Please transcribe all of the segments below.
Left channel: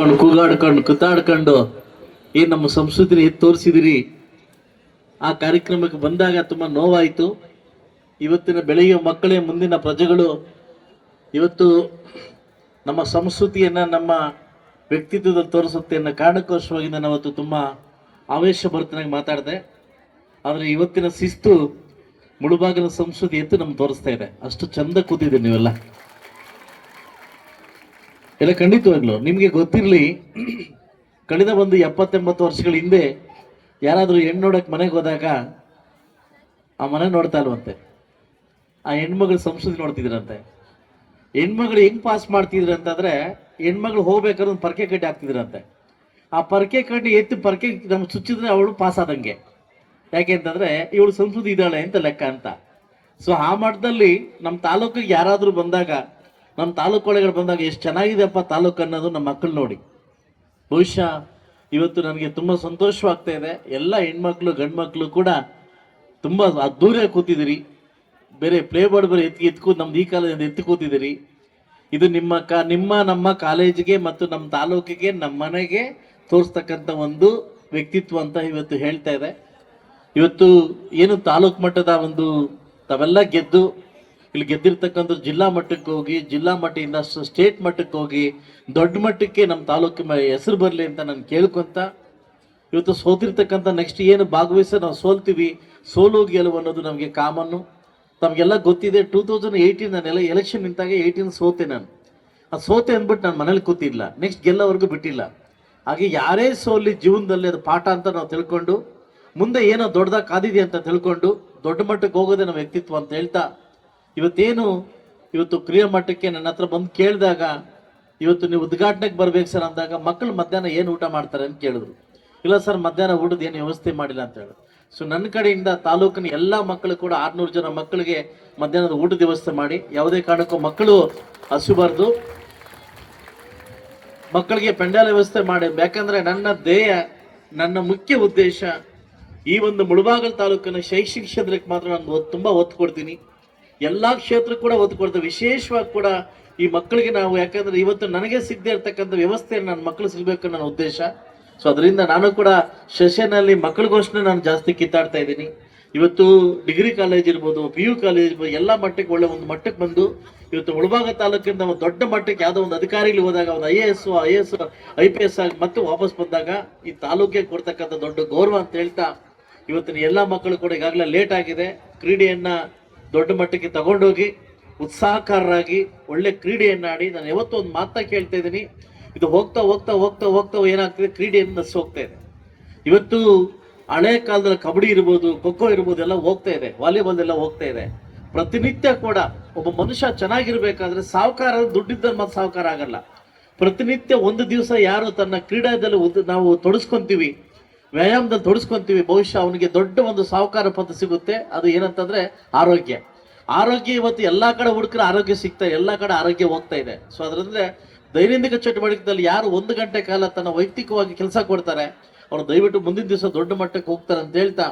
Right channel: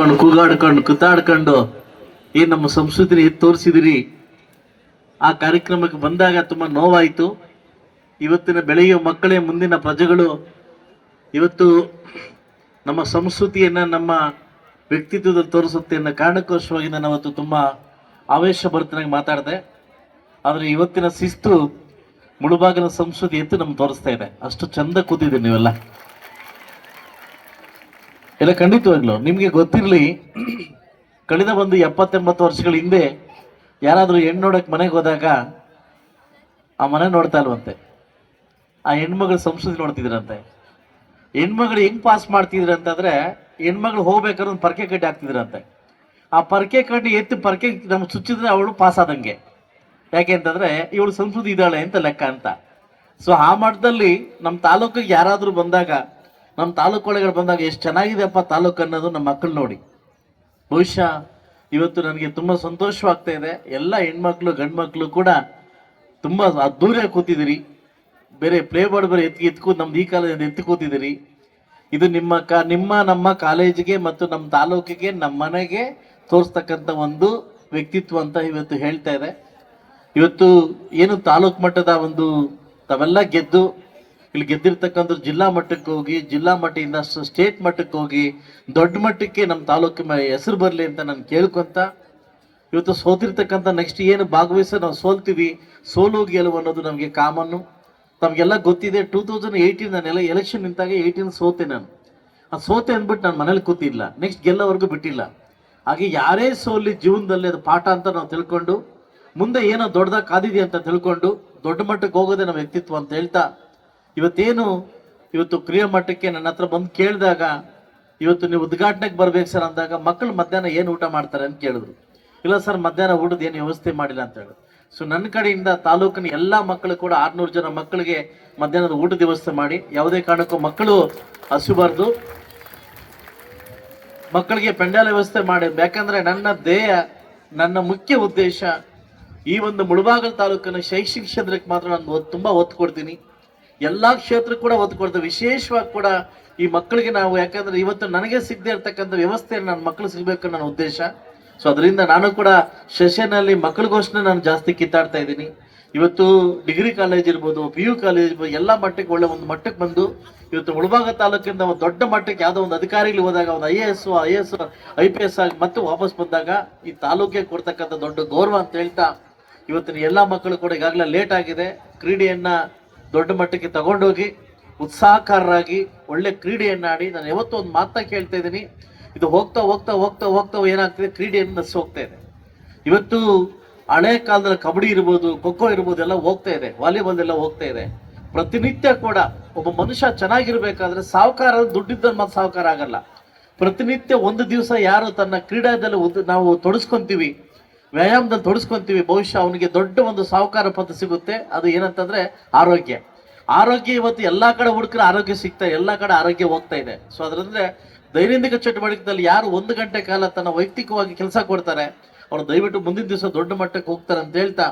ಕೂಗಾಡ್ಕೊಂಡು ಕುತ್ತಾಡ್ಕೊಂಡು ಏನ್ ನಮ್ಮ ಸಂಸ್ಕೃತಿ ತೋರಿಸಿದಿರಿ? ಆ ಕಾರ್ಯಕ್ರಮಕ್ಕೆ ಬಂದಾಗ ತುಂಬಾ ನೋವಾಯಿತು. ಇವತ್ತಿನ ಬೆಳೆಯುವ ಮಕ್ಕಳೇ, ಮುಂದಿನ ಪ್ರಜೆಗಳು, ಇವತ್ತು ನಮ್ಮ ಸಂಸ್ಕೃತಿಯನ್ನ, ನಮ್ಮ ವ್ಯಕ್ತಿತ್ವದ ತೋರಿಸುತ್ತೆ ಅನ್ನೋ ಕಾರಣಕ್ಕೋಸ್ಕರವಾಗಿ ನಾನು ಅವತ್ತು ತುಂಬ ಆವೇಶ ಭರಿತನಾಗಿ ಮಾತಾಡಿದೆ. ಆದರೆ ಇವತ್ತಿನ ಶಿಸ್ತು ಮುಳುಬಾಗಿನ ಸಂಸ್ಕೃತಿ ಎತ್ತು ನಮ್ಗೆ ತೋರಿಸ್ತಾ ಇದೆ. ಅಷ್ಟು ಚಂದ ಕೂತಿದೆ ನೀವೆಲ್ಲ. ಎಲ್ಲ ಖಂಡಿತವಾಗ್ಲು ನಿಮಗೆ ಗೊತ್ತಿರಲಿ, ಕಳೆದ ಒಂದು ಎಪ್ಪತ್ತೆಂಬತ್ತು ವರ್ಷಗಳ ಹಿಂದೆ ಯಾರಾದರೂ ಹೆಣ್ಣು ನೋಡಕ್ಕೆ ಮನೆಗೆ ಹೋದಾಗ ಆ ಮನೆ ನೋಡ್ತಾ ಇಲ್ವಂತೆ. ಆ ಹೆಣ್ಮಗಳು ಸಂಸ್ಕೃತಿ ನೋಡ್ತಿದ್ರಂತೆ. ಹೆಣ್ಮಗಳು ಹೆಂಗ್ ಪಾಸ್ ಮಾಡ್ತಿದ್ರು ಅಂತಂದ್ರೆ ಹೆಣ್ಮಗಳು ಹೋಗ್ಬೇಕಾದ್ರೆ ಒಂದು ಪರ್ಕೆ ಕಡ್ಡಿ ಹಾಕ್ತಿದ್ರಂತೆ. ಆ ಪರ್ಕೆ ಕಡ್ಡಿ ಎತ್ತಿ ಪರ್ಕೆ ನಮ್ಗೆ ಚುಚ್ಚಿದ್ರೆ ಅವಳು ಪಾಸ್ ಆದಂಗೆ. ಯಾಕೆ ಅಂತಂದ್ರೆ ಇವಳು ಸಂಸ್ಕೃತಿ ಇದ್ದಾಳೆ ಅಂತ ಲೆಕ್ಕ ಅಂತ. ಸೊ ಆ ಮಟ್ಟದಲ್ಲಿ ನಮ್ಮ ತಾಲೂಕಿಗೆ ಯಾರಾದರೂ ಬಂದಾಗ ನಮ್ಮ ತಾಲೂಕು ಒಳಗಡೆ ಬಂದಾಗ ಎಷ್ಟು ಚೆನ್ನಾಗಿದೆಪ್ಪ ತಾಲೂಕು ಅನ್ನೋದು ನಮ್ಮ ಮಕ್ಕಳು ನೋಡಿ. ಬಹುಶಃ ಇವತ್ತು ನನಗೆ ತುಂಬ ಸಂತೋಷವಾಗ್ತಾ ಇದೆ. ಎಲ್ಲ ಹೆಣ್ಮಕ್ಳು, ಗಂಡ್ಮಕ್ಳು ಕೂಡ ತುಂಬ ದೂರ ಕೂತಿದ್ದೀರಿ. ಬೇರೆ ಪ್ಲೇ ಬೋರ್ಡ್ ಬೇರೆ ಎತ್ತಿ ಎತ್ಕೂ ನಮ್ದು ಈ ಕಾಲೇಜಿಂದ ಎತ್ತಿ ಕೂತಿದ್ದೀರಿ. ಇದು ನಿಮ್ಮ ಕ, ನಿಮ್ಮ ನಮ್ಮ ಕಾಲೇಜಿಗೆ ಮತ್ತು ನಮ್ಮ ತಾಲೂಕಿಗೆ, ನಮ್ಮ ಮನೆಗೆ ತೋರಿಸ್ತಕ್ಕಂಥ ಒಂದು ವ್ಯಕ್ತಿತ್ವ ಅಂತ ಇವತ್ತು ಹೇಳ್ತಾ ಇದೆ. ಇವತ್ತು ಏನು ತಾಲೂಕು ಮಟ್ಟದ ಒಂದು ತಾವೆಲ್ಲ ಗೆದ್ದು ಇಲ್ಲಿ ಗೆದ್ದಿರ್ತಕ್ಕಂಥ ಜಿಲ್ಲಾ ಮಟ್ಟಕ್ಕೆ ಹೋಗಿ, ಜಿಲ್ಲಾ ಮಟ್ಟದಿಂದ ಸ್ಟೇಟ್ ಮಟ್ಟಕ್ಕೆ ಹೋಗಿ, ದೊಡ್ಡ ಮಟ್ಟಕ್ಕೆ ನಮ್ಮ ತಾಲೂಕಿನ ಹೆಸರು ಬರಲಿ ಅಂತ ನಾನು ಕೇಳ್ಕೊಂತ ಇವತ್ತು ಸೋತಿರ್ತಕ್ಕಂಥ ನೆಕ್ಸ್ಟ್ ಏನು ಭಾಗವಹಿಸ ನಾವು ಸೋಲ್ತೀವಿ ಸೋಲು ಗೆಲುವು ಅನ್ನೋದು ನಮಗೆ ಕಾಮನ್ನು. ತಮಗೆಲ್ಲ ಗೊತ್ತಿದೆ ಟೂ ತೌಸಂಡ್ ಏಯ್ಟೀನ್ ನಾನೆಲ್ಲ ಎಲೆಕ್ಷನ್ ನಿಂತಾಗ ಏಯ್ಟೀನ್ ಸೋತೆ ನಾನು. ಅದು ಸೋತೆ ಅಂದ್ಬಿಟ್ಟು ನಾನು ಮನೇಲಿ ಕೂತಿಲ್ಲ ನೆಕ್ಸ್ಟ್ ಗೆಲ್ಲವರೆಗೂ ಬಿಟ್ಟಿಲ್ಲ. ಹಾಗೆ ಯಾರೇ ಸೋಲಿ ಜೀವನದಲ್ಲಿ ಅದು ಪಾಠ ಅಂತ ನಾವು ತಿಳ್ಕೊಂಡು, ಮುಂದೆ ಏನೋ ದೊಡ್ಡದಾಗ ಕಾದಿದೆ ಅಂತ ತಿಳ್ಕೊಂಡು ದೊಡ್ಡ ಮಟ್ಟಕ್ಕೆ ಹೋಗೋದೇ ನಮ್ಮ ವ್ಯಕ್ತಿತ್ವ ಅಂತ ಹೇಳ್ತಾ ಇವತ್ತೇನು ಇವತ್ತು ಪ್ರಿಯ ಮಟ್ಟಕ್ಕೆ ನನ್ನ ಹತ್ರ ಬಂದು ಕೇಳಿದಾಗ, ಇವತ್ತು ನೀವು ಉದ್ಘಾಟನೆಗೆ ಬರ್ಬೇಕು ಸರ್ ಅಂದಾಗ ಮಕ್ಕಳು ಮಧ್ಯಾಹ್ನ ಏನು ಊಟ ಮಾಡ್ತಾರೆ ಅಂತ ಕೇಳಿದ್ರು. ಇಲ್ಲ ಸರ್, ಮಧ್ಯಾಹ್ನ ಊಟದ ಏನು ವ್ಯವಸ್ಥೆ ಮಾಡಿಲ್ಲ ಅಂತ ಹೇಳಿ ಸೊ ನನ್ನ ಕಡೆಯಿಂದ ತಾಲೂಕಿನ ಎಲ್ಲ ಮಕ್ಕಳು ಕೂಡ ಆರ್ನೂರು ಜನ ಮಕ್ಕಳಿಗೆ ಮಧ್ಯಾಹ್ನದ ಊಟದ ವ್ಯವಸ್ಥೆ ಮಾಡಿ, ಯಾವುದೇ ಕಾರಣಕ್ಕೂ ಮಕ್ಕಳು ಹಸಿಬಾರ್ದು. ಮಕ್ಕಳಿಗೆ ಪೆಂಡಾಲ ವ್ಯವಸ್ಥೆ ಮಾಡಿ, ಯಾಕಂದ್ರೆ ನನ್ನ ಧ್ಯೇಯ, ನನ್ನ ಮುಖ್ಯ ಉದ್ದೇಶ ಈ ಒಂದು ಮುಳುಬಾಗಲ್ ತಾಲೂಕಿನ ಶೈಕ್ಷಣಿಕ ಕ್ಷೇತ್ರಕ್ಕೆ ಮಾತ್ರ ನಾನು ತುಂಬಾ ಒತ್ತು ಕೊಡ್ತೀನಿ. ಎಲ್ಲಾ ಕ್ಷೇತ್ರಕ್ಕೆ ಕೂಡ ಒತ್ತು ಕೊಡ್ತೇವೆ. ವಿಶೇಷವಾಗಿ ಕೂಡ ಈ ಮಕ್ಕಳಿಗೆ ನಾವು, ಯಾಕಂದ್ರೆ ಇವತ್ತು ನನಗೆ ಸಿಗದೆ ಇರ್ತಕ್ಕಂಥ ವ್ಯವಸ್ಥೆ ನನ್ನ ಮಕ್ಕಳು ಸಿಗಬೇಕು ನನ್ನ ಉದ್ದೇಶ. ಸೊ ಅದರಿಂದ ನಾನು ಕೂಡ ಸೆಷನಲ್ಲಿ ಮಕ್ಕಳಿಗೋಸ್ಕರ ನಾನು ಜಾಸ್ತಿ ಕಿತ್ತಾಡ್ತಾ ಇದ್ದೀನಿ. ಇವತ್ತು ಡಿಗ್ರಿ ಕಾಲೇಜ್ ಇರ್ಬೋದು, ಪಿ ಯು ಕಾಲೇಜ್ ಇರ್ಬೋದು, ಎಲ್ಲ ಮಟ್ಟಕ್ಕೆ ಒಳ್ಳೆ ಒಂದು ಮಟ್ಟಕ್ಕೆ ಬಂದು ಇವತ್ತು ಮುಳಬಾಗ ತಾಲೂಕಿಂದ ಒಂದು ದೊಡ್ಡ ಮಟ್ಟಕ್ಕೆ ಯಾವುದೋ ಒಂದು ಅಧಿಕಾರಿಗಳು ಹೋದಾಗ ಒಂದು I A S, I S, I P S ಆಗಿ ಮತ್ತೆ ವಾಪಸ್ ಬಂದಾಗ ಈ ತಾಲೂಕಿಗೆ ಕೊಡ್ತಕ್ಕಂಥ ದೊಡ್ಡ ಗೌರವ ಅಂತ ಹೇಳ್ತಾ ಇವತ್ತಿನ ಎಲ್ಲ ಮಕ್ಕಳು ಕೂಡ ಈಗಾಗಲೇ ಲೇಟ್ ಆಗಿದೆ. ಕ್ರೀಡೆಯನ್ನ ದೊಡ್ಡ ಮಟ್ಟಕ್ಕೆ ತಗೊಂಡೋಗಿ ಉತ್ಸಾಹಕಾರರಾಗಿ ಒಳ್ಳೆ ಕ್ರೀಡೆಯನ್ನಾಡಿ ನಾನು ಯಾವತ್ತೂ ಒಂದು ಮಾತಾ ಕೇಳ್ತಾ ಇದ್ದೀನಿ. ಇದು ಹೋಗ್ತಾ ಹೋಗ್ತಾ ಹೋಗ್ತಾ ಹೋಗ್ತಾ ಏನಾಗ್ತಿದೆ? ಕ್ರೀಡೆಯನ್ನು ನಸ್ ಹೋಗ್ತಾ ಇದೆ. ಇವತ್ತು ಹಳೆ ಕಾಲದಲ್ಲಿ ಕಬಡ್ಡಿ ಇರ್ಬೋದು ಖೋಖೋ ಇರ್ಬೋದು ಎಲ್ಲ ಹೋಗ್ತಾ ಇದೆ. ವಾಲಿಬಾಲ್ ಎಲ್ಲ ಹೋಗ್ತಾ ಇದೆ. ಪ್ರತಿನಿತ್ಯ ಕೂಡ ಒಬ್ಬ ಮನುಷ್ಯ ಚೆನ್ನಾಗಿರ್ಬೇಕಾದ್ರೆ ಸಾವುಕಾರ ದುಡ್ಡಿದ್ದ ಮತ್ತೆ ಸಾವುಕಾರ ಆಗಲ್ಲ. ಪ್ರತಿನಿತ್ಯ ಒಂದು ದಿವಸ ಯಾರು ತನ್ನ ಕ್ರೀಡಾದಲ್ಲಿ ನಾವು ತೊಡಸ್ಕೊಂತೀವಿ ವ್ಯಾಯಾಮದಲ್ಲಿ ತೊಡಸ್ಕೊಂತೀವಿ. ಬಹುಶಃ ಅವನಿಗೆ ದೊಡ್ಡ ಒಂದು ಸಾಹುಕಾರ ಪಥ ಸಿಗುತ್ತೆ. ಅದು ಏನಂತಂದ್ರೆ ಆರೋಗ್ಯ. ಆರೋಗ್ಯ ಇವತ್ತು ಎಲ್ಲಾ ಕಡೆ ಹುಡುಕ್ರೆ ಆರೋಗ್ಯ ಸಿಗ್ತಾ ಎಲ್ಲ ಕಡೆ ಆರೋಗ್ಯ ಹೋಗ್ತಾ ಇದೆ. ಸೊ ಅದರಿಂದ ದೈನಂದಿನ ಚಟುವಟಿಕೆದಲ್ಲಿ ಯಾರು ಒಂದು ಗಂಟೆ ಕಾಲ ತನ್ನ ವೈಯಕ್ತಿಕವಾಗಿ ಕೆಲಸ ಕೊಡ್ತಾರೆ, ಅವ್ರು ದಯವಿಟ್ಟು ಮುಂದಿನ ದಿವಸ ದೊಡ್ಡ ಮಟ್ಟಕ್ಕೆ ಹೋಗ್ತಾರೆ ಅಂತ ಹೇಳ್ತಾ,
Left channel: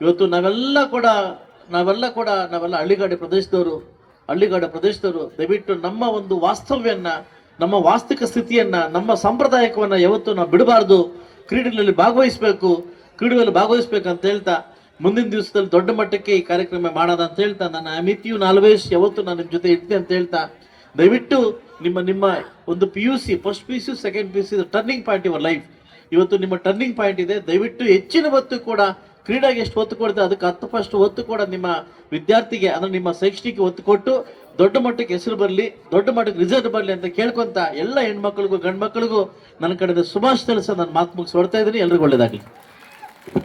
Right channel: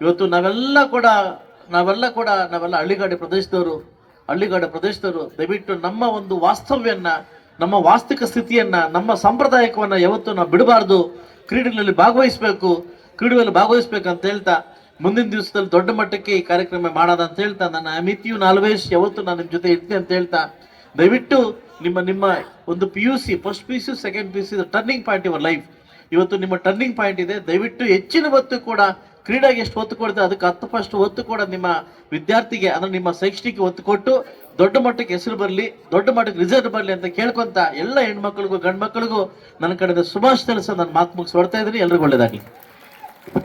ಇವತ್ತು ನಾವೆಲ್ಲ ಕೂಡ ನಾವೆಲ್ಲ ಕೂಡ, ನಾವೆಲ್ಲ ಹಳ್ಳಿಗಾಡಿ ಪ್ರದೇಶದವರು, ಹಳ್ಳಿಗಾಡ ಪ್ರದೇಶದವರು, ದಯವಿಟ್ಟು ನಮ್ಮ ಒಂದು ವಾಸ್ತವ್ಯನ್ನ, ನಮ್ಮ ವಾಸ್ತವಿಕ ಸ್ಥಿತಿಯನ್ನ, ನಮ್ಮ ಸಂಪ್ರದಾಯಕವನ್ನ ಯಾವತ್ತು ನಾವು ಬಿಡಬಾರ್ದು. ಕ್ರೀಡೆಗಳಲ್ಲಿ ಭಾಗವಹಿಸಬೇಕು ಭಾಗವಹಿಸ್ಬೇಕು ಅಂತ ಹೇಳ್ತಾ ಮುಂದಿನ ದಿವಸದಲ್ಲಿ ದೊಡ್ಡ ಮಟ್ಟಕ್ಕೆ ಈ ಕಾರ್ಯಕ್ರಮ ಮಾಡೋಣ ಅಂತ ಹೇಳ್ತಾ, ನನ್ನ ಅಮಿತಿಯು ನಾಲ್ವೇಶ್ ಯಾವತ್ತು ನಾನು ನಿಮ್ಮ ಜೊತೆ ಇರ್ತೀನಿ ಅಂತ ಹೇಳ್ತಾ, ದಯವಿಟ್ಟು ನಿಮ್ಮ ನಿಮ್ಮ ಒಂದು P U C first P U C second P U C turning point your life ಇವತ್ತು ನಿಮ್ಮ ಟರ್ನಿಂಗ್ ಪಾಯಿಂಟ್ ಇದೆ, ದಯವಿಟ್ಟು ಹೆಚ್ಚಿನ ಹೊತ್ತು ಕೂಡ, ಕ್ರೀಡೆಗೆ ಎಷ್ಟು ಒತ್ತು ಕೊಡ್ತಾರೆ, ಅದಕ್ಕೆ ಹತ್ತು ಫಸ್ಟ್ ಒತ್ತು ಕೂಡ ನಿಮ್ಮ ವಿದ್ಯಾರ್ಥಿಗೆ, ಅಂದ್ರೆ ನಿಮ್ಮ ಶೈಕ್ಷಣಿಕ ಒತ್ತು ಕೊಟ್ಟು ದೊಡ್ಡ ಮಟ್ಟಕ್ಕೆ ಹೆಸರು ಬರಲಿ, ದೊಡ್ಡ ಮಟ್ಟಕ್ಕೆ ರಿಸಲ್ಟ್ ಬರಲಿ ಅಂತ ಕೇಳ್ಕೊಂತ ಎಲ್ಲ ಹೆಣ್ಮಕ್ಳಿಗೂ ಗಂಡು ಮಕ್ಕಳಿಗೂ ನನ್ನ ಕಡೆಯಿಂದ ಸುಭಾಷ್ ತಿಳಿಸ ನಾನು ಮಾತು ಮುಗಿಸಿ ಹೊಡ್ತಾ ಇದ್ದೀನಿ. ಎಲ್ರಿಗೂ ಒಳ್ಳೇದಾಗಲಿ